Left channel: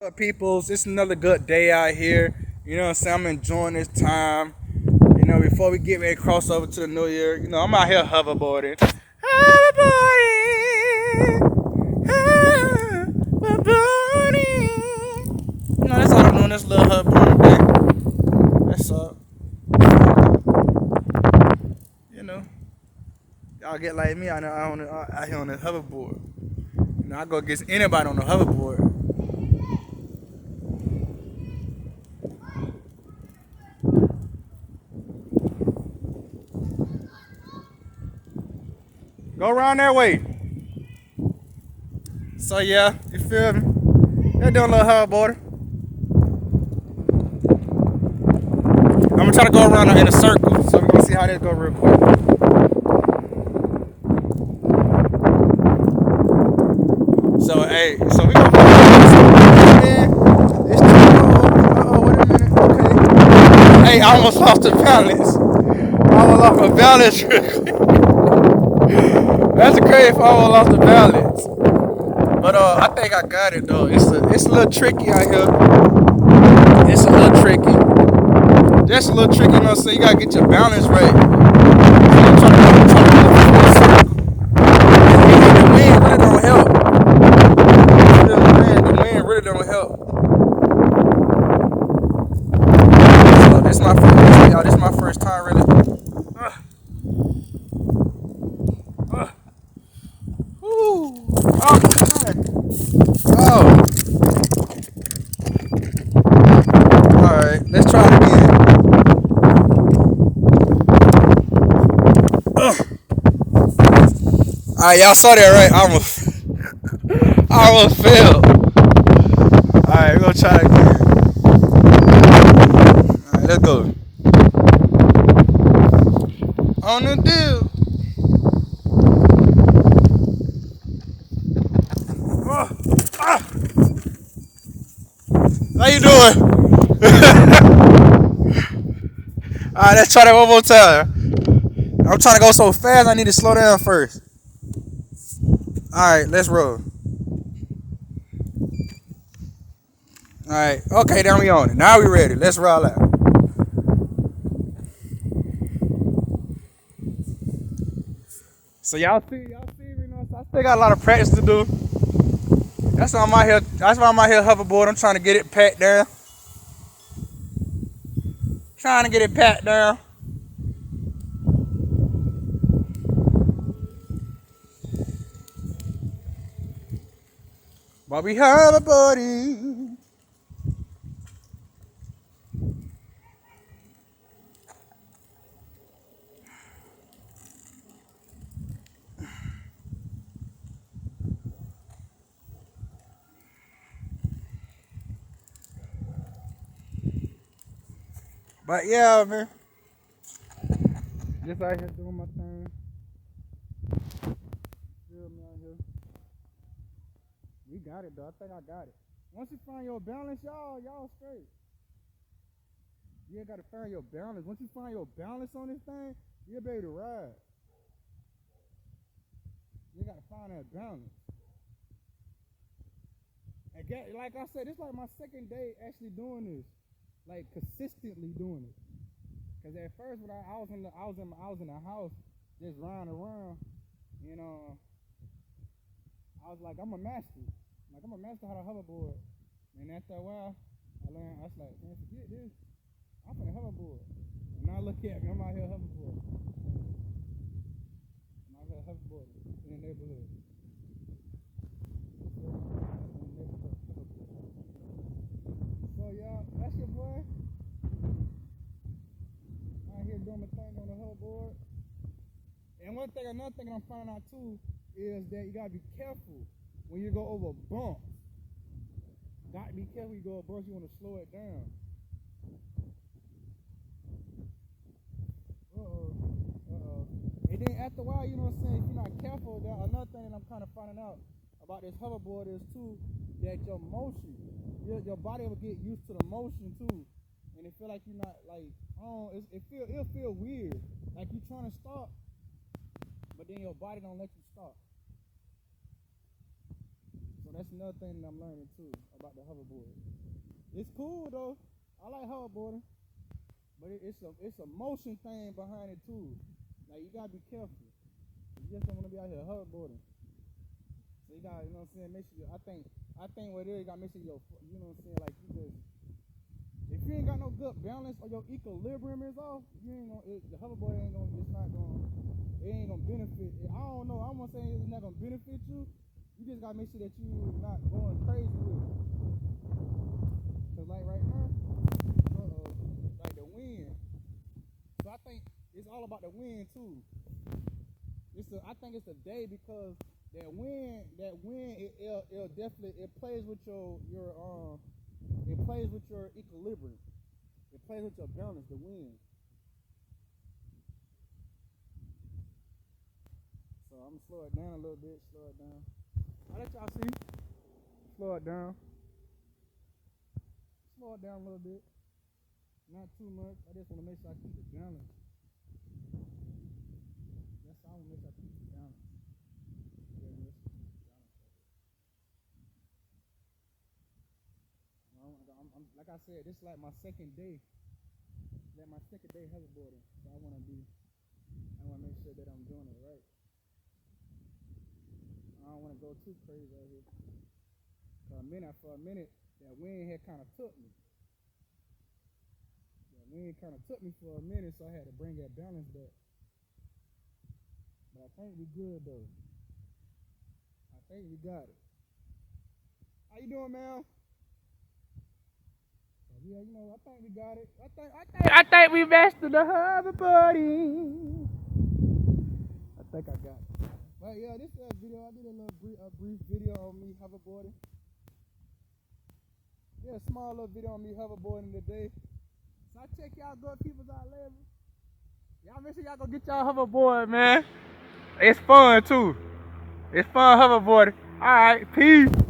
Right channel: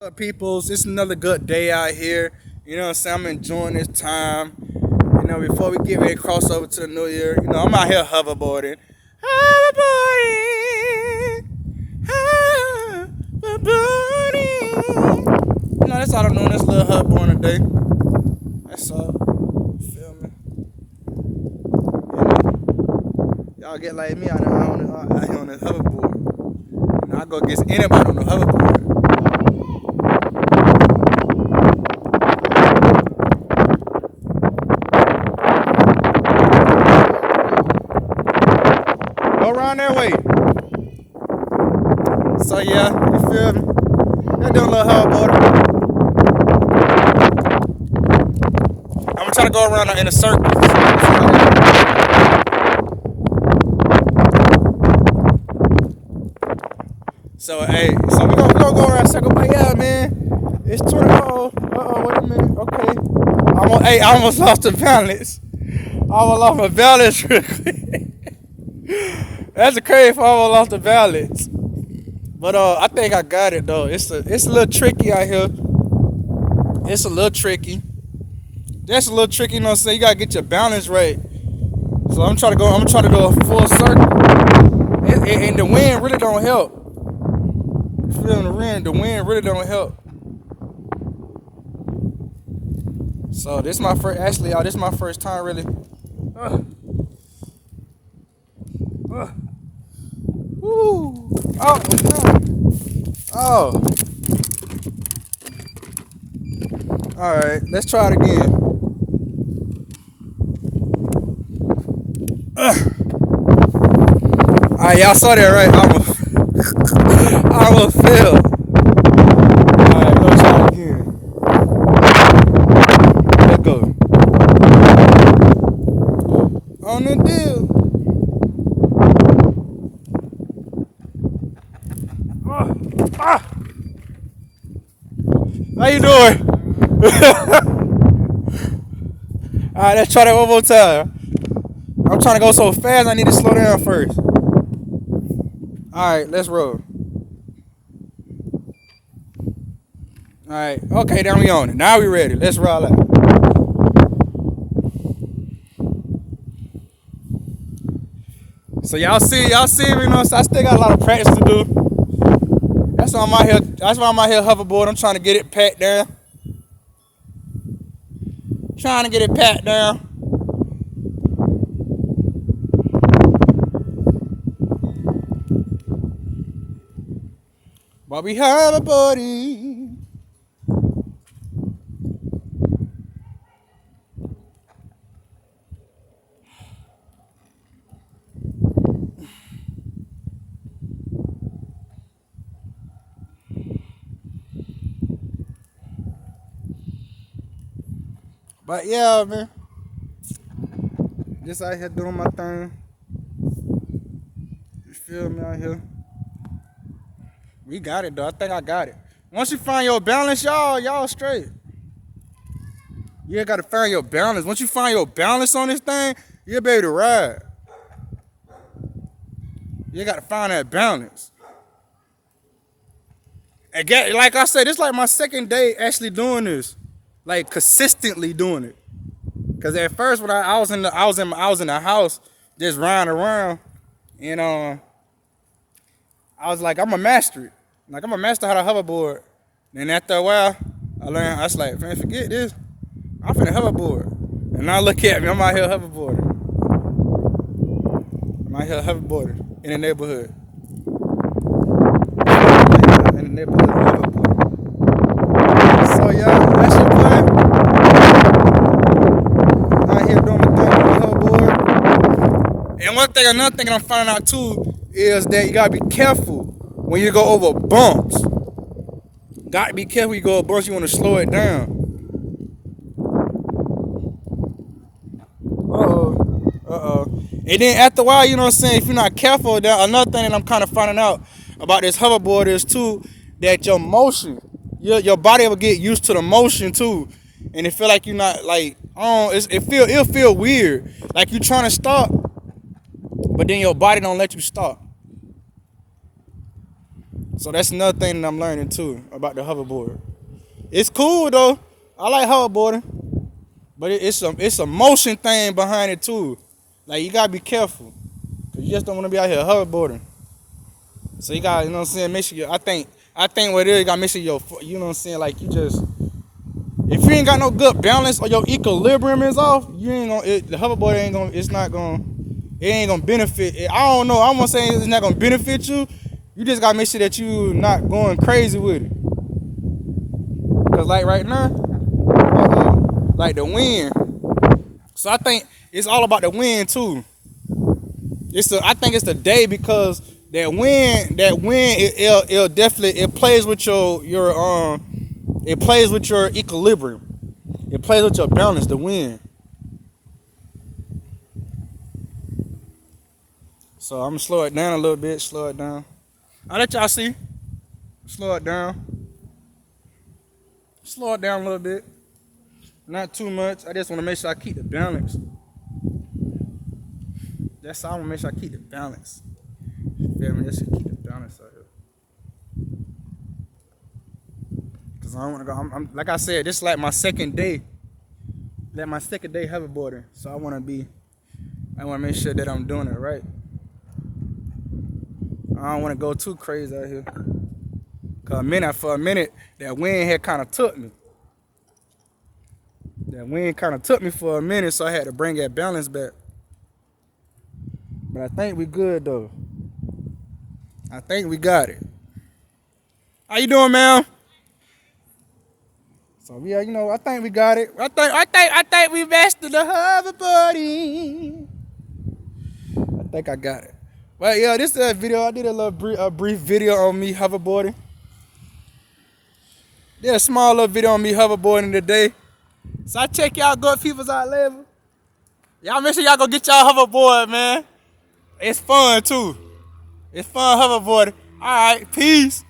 Up, peoples? It's another good day out here. You know what I'm saying? I'm enjoying this time. Before we get ready to cross over to the new year, I'm out here hoverboarding. Hoverboarding. Hoverboarding. That's all I'm doing. That's a little hoverboarding day. That's all. Y'all get like me out here on the hoverboard. I go against anybody on the hoverboard. Go around that way. So yeah, you feel me? They're doing a little hoverboarding. I'm gonna try to go around in a circle. So hey, so we gonna go man. It's too long. Wait a minute. Okay. Hey, I almost lost the balance. I almost lost my balance. That's crazy if I almost lost the balance. But I think I got it though. It's a little tricky out here. It's a little tricky. That's a little tricky, So you gotta get your balance right. So I'm trying to go full circle. And the wind really don't help. The wind really don't help. So this is my first time really. Woo. Oh. Alright, let's try it again. Alright, y'all saw that, right? I almost failed. Alright, we're gonna try it again. Let's go. On the deal. How you doing? Alright, let's try that one more time. I'm trying to go so fast, I need to slow down first. Alright, let's roll. Alright, okay, now we on it. Now we ready. Let's roll out. So y'all see me, I still got a lot of practice to do. That's why I'm out here hoverboard. I'm trying to get it packed down. But we hoverboarding. But yeah, man. Just out here doing my thing. You feel me out here? We got it though. I think I got it. Once you find your balance, y'all straight. You gotta find your balance. Once you find your balance on this thing, you'll be able to ride. You gotta find that balance. And like I said, this is like my second day actually doing this. Like consistently doing it. Cause at first when I was in the house just riding around, and I was like, I'm a master it. Like I'm a master how to hoverboard. And after a while, I was like, man, forget this. I'm finna hoverboard. And now look at me, I'm out here hoverboarding. In the neighborhood. Hoverboarding. So yeah, that's your plan. Out here doing my thing on the hoverboard. And another thing I'm finding out too is that you gotta be careful when you go over bumps. Gotta be careful when you go over bumps, you wanna slow it down. And then after a while, you know what I'm saying, if you're not careful, another thing that I'm kind of finding out about this hoverboard is too, that your motion, your body will get used to the motion too. And it feel like you're not like, it'll feel weird. Like you trying to stop, but then your body don't let you stop. So that's another thing that I'm learning too about the hoverboard. It's cool though. I like hoverboarding, but it's a motion thing behind it too. Like you gotta be careful, cause you just don't want to be out here hoverboarding. So you got, you know what I'm saying, make sure I think what it is, you gotta make sure you know what I'm saying, like you just, if you ain't got no good balance or your equilibrium is off, you ain't gonna, the hoverboard ain't gonna, it ain't gonna benefit. I don't know, I'm gonna say it's not gonna benefit you. You just gotta make sure that you not going crazy with it. Cause like right now, like the wind. So I think it's all about the wind too. I think it's the day because that wind, it'll definitely, it plays with it plays with your equilibrium. It plays with your balance, the wind. So I'm gonna slow it down a little bit, slow it down. I'll let y'all see. Slow it down. Slow it down a little bit. Not too much. I just want to make sure I keep the balance. That's all. I want to make sure I keep the balance. Feel me? Just keep the balance out here. Cause I don't want to go. I'm like I said, this is like my second day. Like my second day hoverboarding. So I want to make sure that I'm doing it right. I don't want to go too crazy out here. Cause for a minute, that wind had kind of took me. That wind kind of took me for a minute, so I had to bring that balance back. But I think we good though. I think we got it. How you doing, man? So yeah, you know, I think we got it. I think we mastered the hoverboarding. I think I got it. Well, yeah, this is a video. I did a brief video on me hoverboarding. Did a small little video on me hoverboarding today. So I check y'all good peoples out later. Y'all make sure y'all go get y'all hoverboard, man. It's fun too. It's fun hoverboarding. All right, peace.